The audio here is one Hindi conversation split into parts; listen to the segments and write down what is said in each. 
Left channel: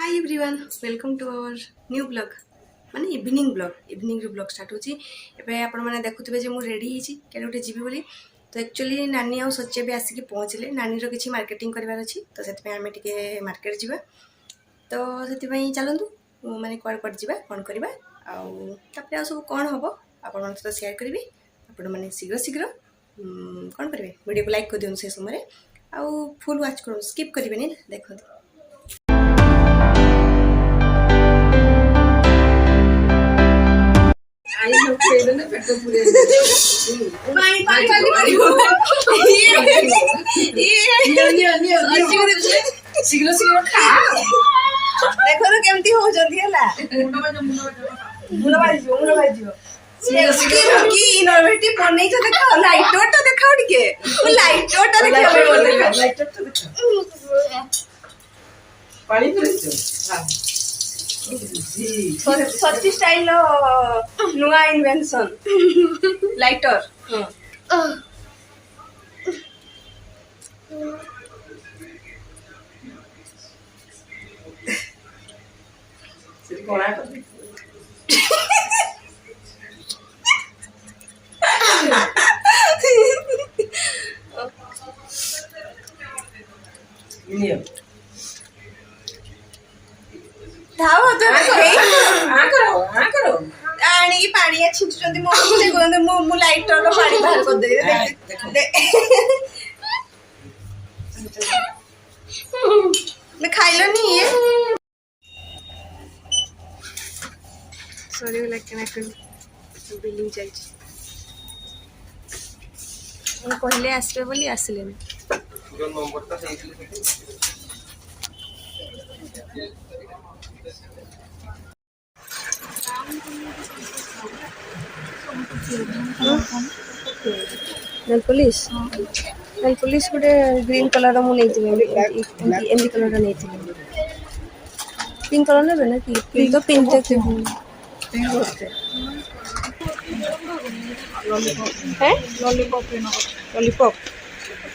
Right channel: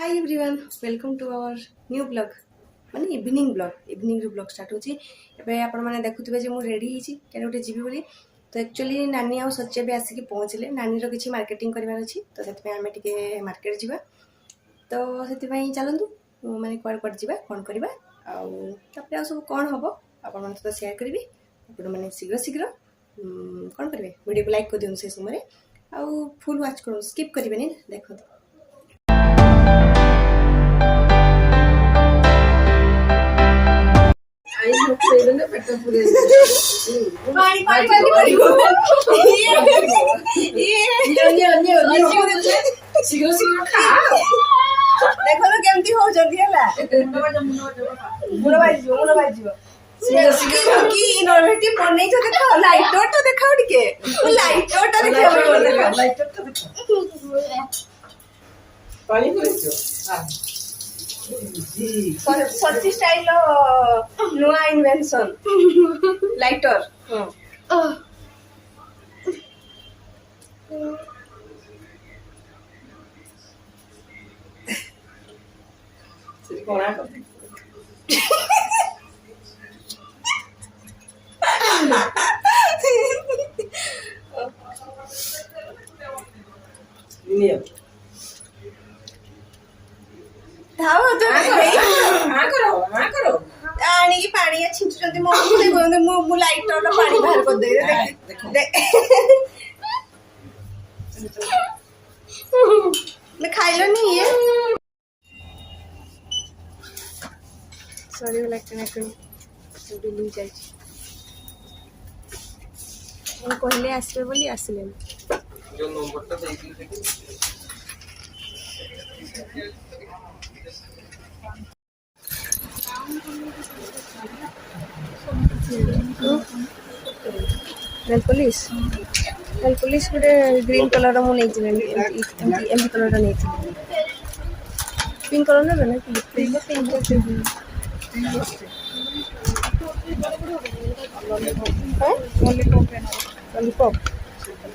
Hi everyone welcome to our new blog माने इवनिंग ब्लॉग स्टार्ट होची एबे आपण माने देखुथिबे जे मु रेडी हिची केने उठे जीवी बोली तो एक्चुअली नानी आ सच्चे भी आसिक पहुँचले नानी रो किछि मार्केटिंग करबार अछि तो सेति पे हमें टिके मार्केट जीवा तो सेति पई चलंतु माने क्वाड क्वाड जीवा कोन करबा आ तापरे आ सब कोन हबो आपण मन तो शेयर करबी आपण माने शीघ्र शीघ्र कोन करबे वीडियो को लाइक कर दियन से समय आ फुल वॉच करू स्किप करबेनी देखो पानी पानी पानी शीघ्र शीघ्र खा देखो तो केमती हो जल्दी हला मुंड बाज जीव शीघ्र शीघ्र की इनोवेटिव बनै छ देखो लाइटर तो देखाओ टिके लाइटर तो देखाओ लाइटर तो देखो पानी पिछो हां सच्ची स्टाइल नुआ इन्वेंशन लाइटर पानी छिंचुचंती मो मु लाइटर रो पानी बाहर कर दे मैं खाइलो नहीं है सॉरी लाइक ना कर तो बिलिंग चल छी हम कहले आसबे बोली आसले जो नंबर ता नेल पॉलिश गोटे ग्रीन कलर मु एमबी कलर नहीं पिंक कलर ना पिंक तो पिंक है लॉलीपॉप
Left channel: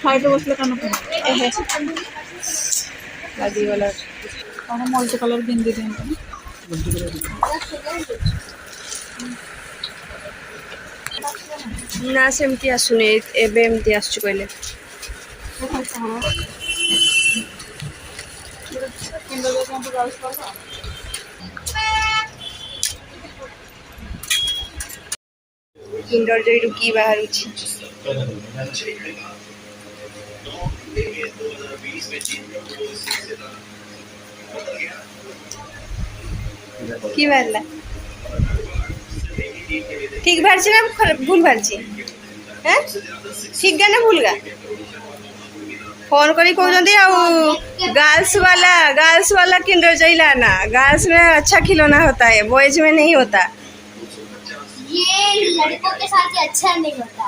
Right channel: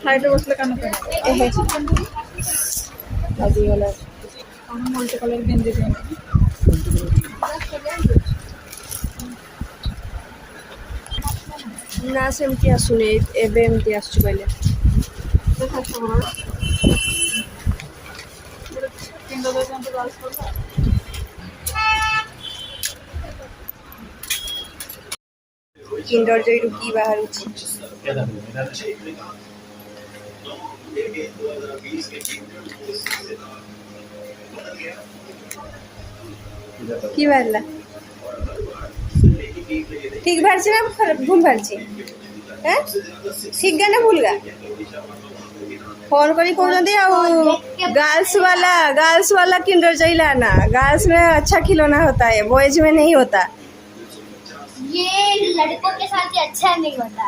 फ्लाइट बसले कान आदि वाला कौन मल्टी कलर बिंदी ना सेमती आसुने एबे एमती आसु कहले किंडर जॉय रुकी बाहर की बारला ठीक बारछि ना भूल बारछि हैं ठीक गा ना भूल गा फोन करी कहउजंदी आ गर्ल्स वाला किंडर जॉय लाना गर्ल्स में अच्छा खिलौना होता है बॉयज में नहीं होता ये लड़कों के साथ ही अच्छा नहीं होता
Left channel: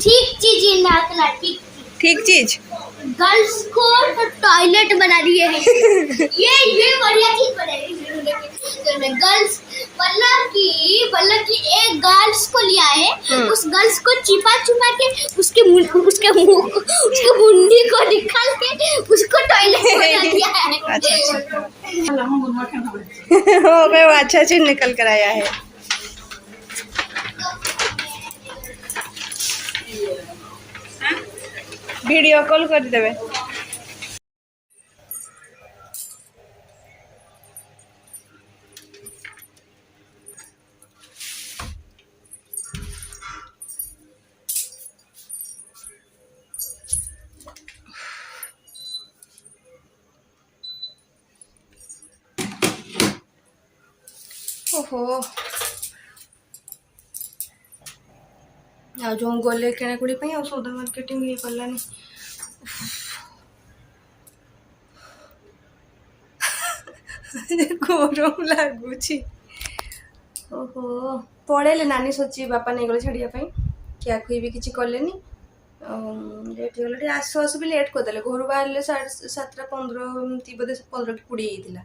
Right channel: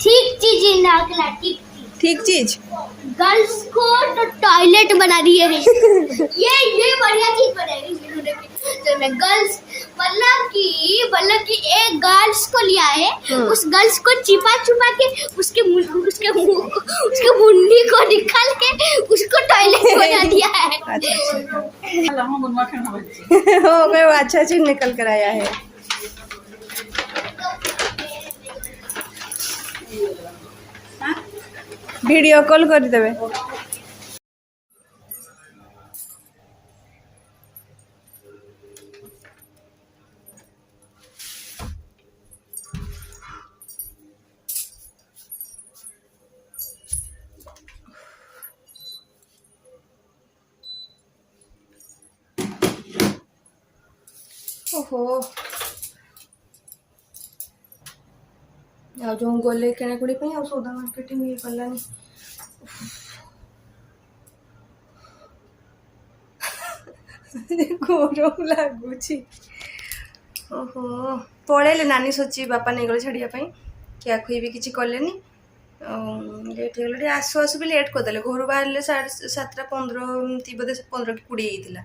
ठीक चीज नाकला ठीक चीज गर्ल्स को तो टॉयलेट बना दिए हैं ये बढ़िया चीज बनाई तो मैं गर्ल्स मतलब कि एक गर्ल्स को लिया है उस गर्ल्स को छिपा के उसके मुंडी को निकाल के उसको टॉयलेट बना दिया है अच्छा चीज निकल कर आया है वीडियो कॉल कर देवे ओहो आ जो गले किणाकुड़ी आ सौदा मार्केटिंग ये कलानी गरम लगुच ओहो पड़े नानी सोची बापा नहीं गले छाड़िया क्या खुई भी किसी कले लेट हो आसु आसु भी लेट करदे घर बाहर 7:15 बोधे 15 कि 20 होता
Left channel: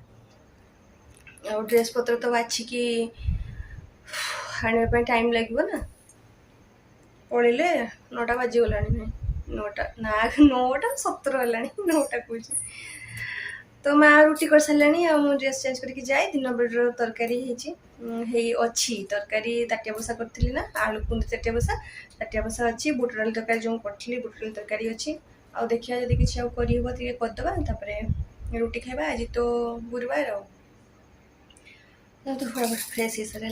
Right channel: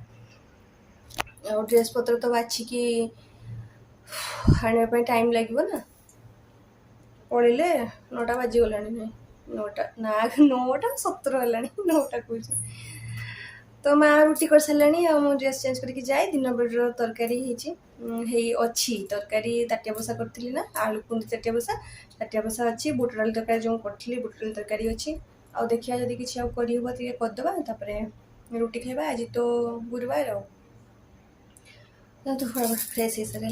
ड्रेस पत्र तो बाछिकी आने टाइम लगे ना पड़े 9टा बाजीगला ना 9:17 है 9टा कौन तो माँ रुटी कर सारे आ ड्रेस चेंज करके जाए दिन बेड़ तरकारी अच्छी तरकारी ताटिया बसा करी ना आलू कुंदी ताटिया बसा अच्छी बुट डाल तरकारी जो करी बुट डाल तरकारी अच्छी आ देखिए जब किसी करदे रुटी खावा आज तो गुरुवार तो फ्रेश हो सारे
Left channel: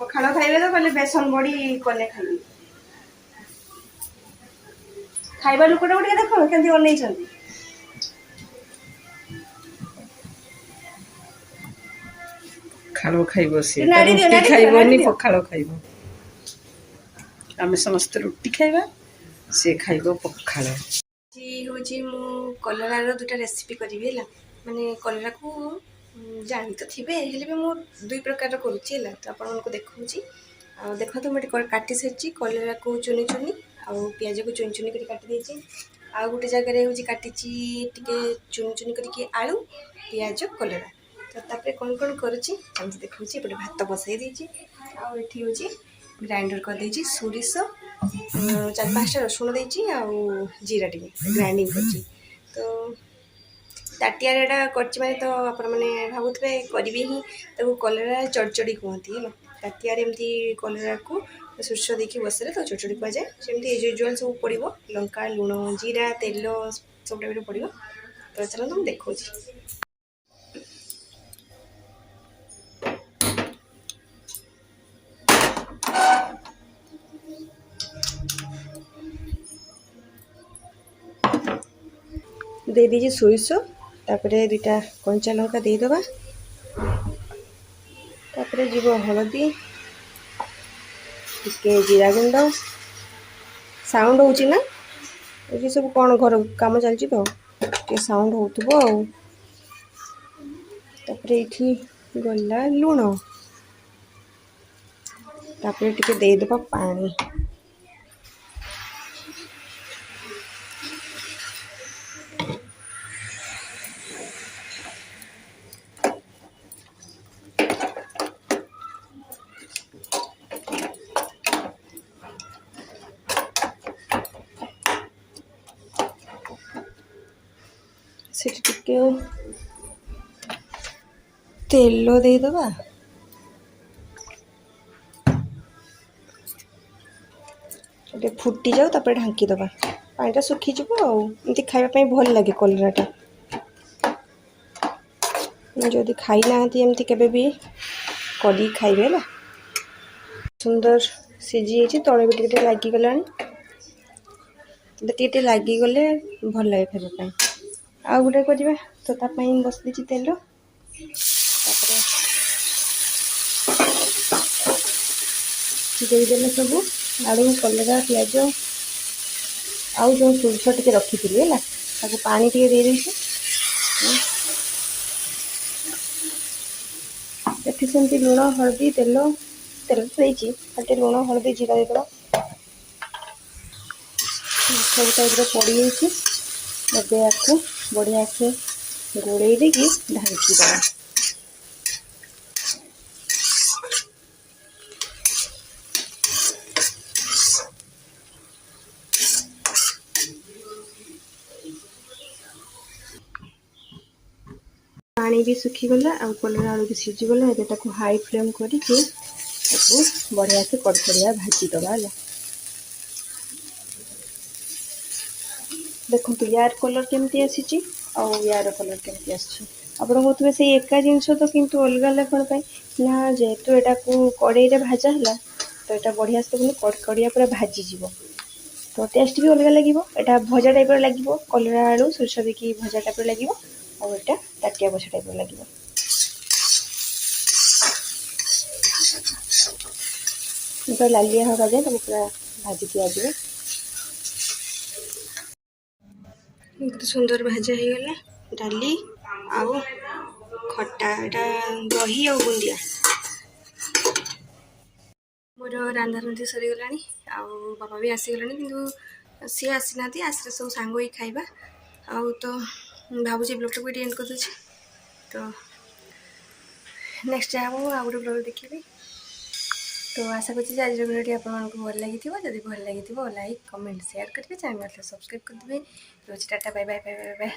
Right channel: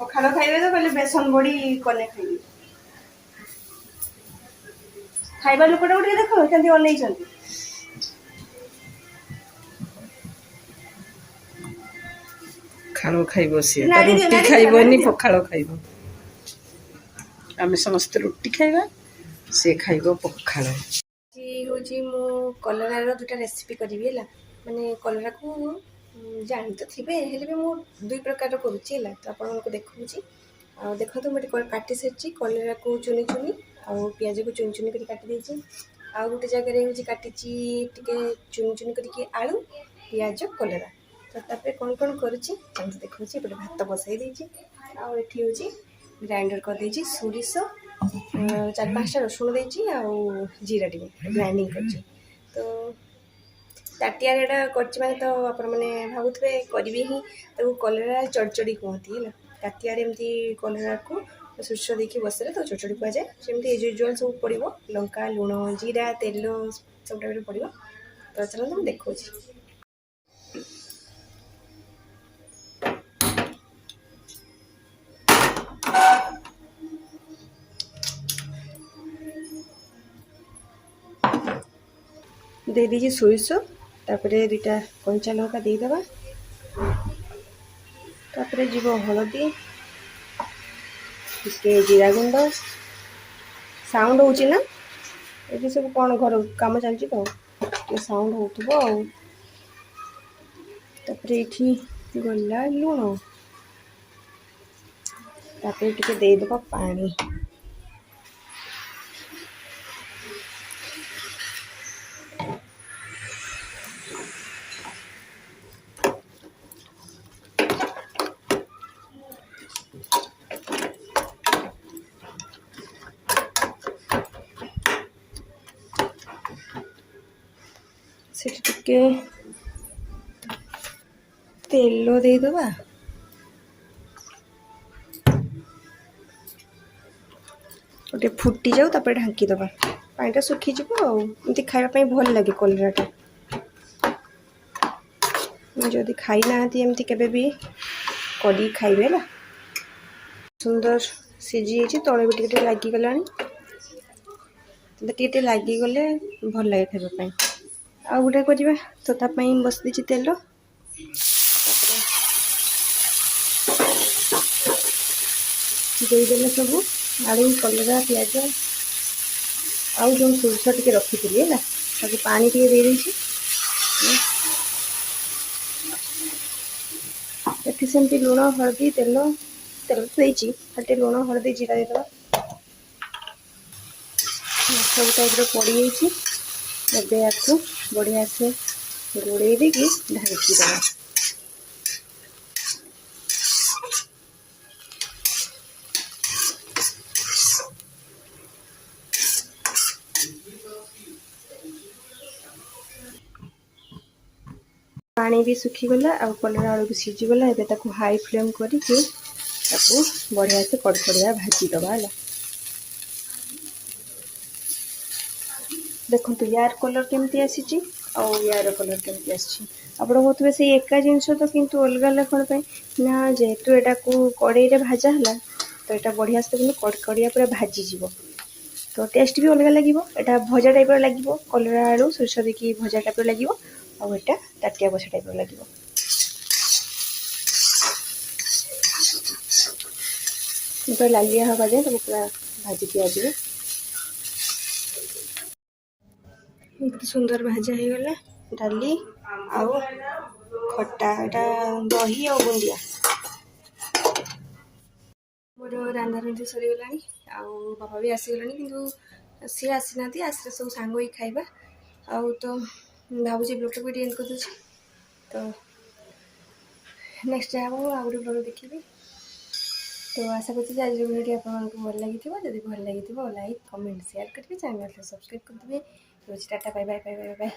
पखाड़ खाइबे तो कहले बेसन बड़ी कले खाइबे खाइबा लोकटा गोटे देख केमती अनई पखाड़ खाइब सी नाड़ी दियो, रुटी नाड़ी दियो, खाइबनी नाड़ी दियो। पखाड़ खाइब आमे समस्त रुटी खाइबा से खाइब पखाड़ जी हूँ मु कलरार दुटा रेसिपी करी माने कलरा को जानी तो थे हेल्ले भी मुझे 2 प्रकार करुच्ची तो आपको देखा देखो तो मुझे काटी सारी कलरा को चुनी चुनी आउ पिज को चुनी चुनी कर काटी आ गोटे जगह हूँ काटी चुनी चुनी करके आलू पिज कलरा तो तापर कौन कौन करुच्ची देखा एपटे भात बसई आठी हूँ ग्राइंडर करदे सोरिष 4-5टा रसुण देती जीरा टी ग्राइंडिंग कर तो ताटिया कर तो आप भावुए करी ही कलरा चड़चड़ी कहती है ताटिया एमती कलरा को सोर्ष देखिए बसले तो चड़चड़ी कह जाए सेमती एज यूजुआल सब पड़ो लंका लुण जीरा तेल सब टाइप पड़ो तो चलो तुम देखो दे दीजिए सोरिष तापर 2टा कंचा लंका देदेबा तापर जीव हलदी टिके जीरा गुंड साउंड होची ना ये सब कौन घर काम चलती तो ये साउंड होतबो तापर एठी गला लुण तापर टिके देदेबा पानी टिके तेल देदेबा गोटे फुटी जाओ तापर ढांकी दबा पानीटा सुखीज आमती खावाई भल लगे कलराटा जदि खाई ना एमती केबे भी करी खाइबे ना सुंदर सीझी तले भी टे लगिगला टे लगिगले भल लगे खावाई आ गोटे करवा तो तापाई बस देती तेल देदेले सब आलू कलरा पिज आउ जो सोरिष टे रखी है पानी टे दे ये सेमती लुण हलदी तेल तेल तो देती खाली लुण हलदी जीरा देदेबा सब टाइप पड़ी एबे आपको बढ़िया से गोड़े देकी ढांकी देवा पानी भी सुखीगला आ कलरा आलू भी सीझीगला एबे हाई फ्लेम करके बढ़िया से कड़कड़िया भाजी दबा है देखो यार कलर केमती आसी यार कलर केमती आप कहते से एका जिनस तो किंतु अलग अलग कौन ना जेहेतु यहाँ को कड़े भाजा है तो यहाँ बढ़िया से कड़कड़िया पूरा भाजीज तो टेस्ट भी अलग लगे यहाँ भजा टाइप लगे कलरा आलू सोरिष देखिए भजा टाइप लगे और यहाँ ताटिया बसा टाइप लगे पूरा लालिया हवा जाए तो पूरा भाजी दिया बहुत सुंदर भाजा हो गला डाली आउ खट्टा यहाँ दही आ बुंदिया मोर रांधा रुंधी सरीगला बाबा भी आसीगले कि सी आसी ना आसले सब सांग ही खाइबा आउ तो भावुँ ब्लॉग को एंड कर दूसरी तो नेक्स्ट जहाँ आ गोटे ब्लॉग देखी तो आशा करছি आज भिडियो आपको भल लगी जब भल लगी लाइक कमेंट शेयर करेंगे चैनल सब्सक्राइब करदे रोज tata bye bye bye bye bye.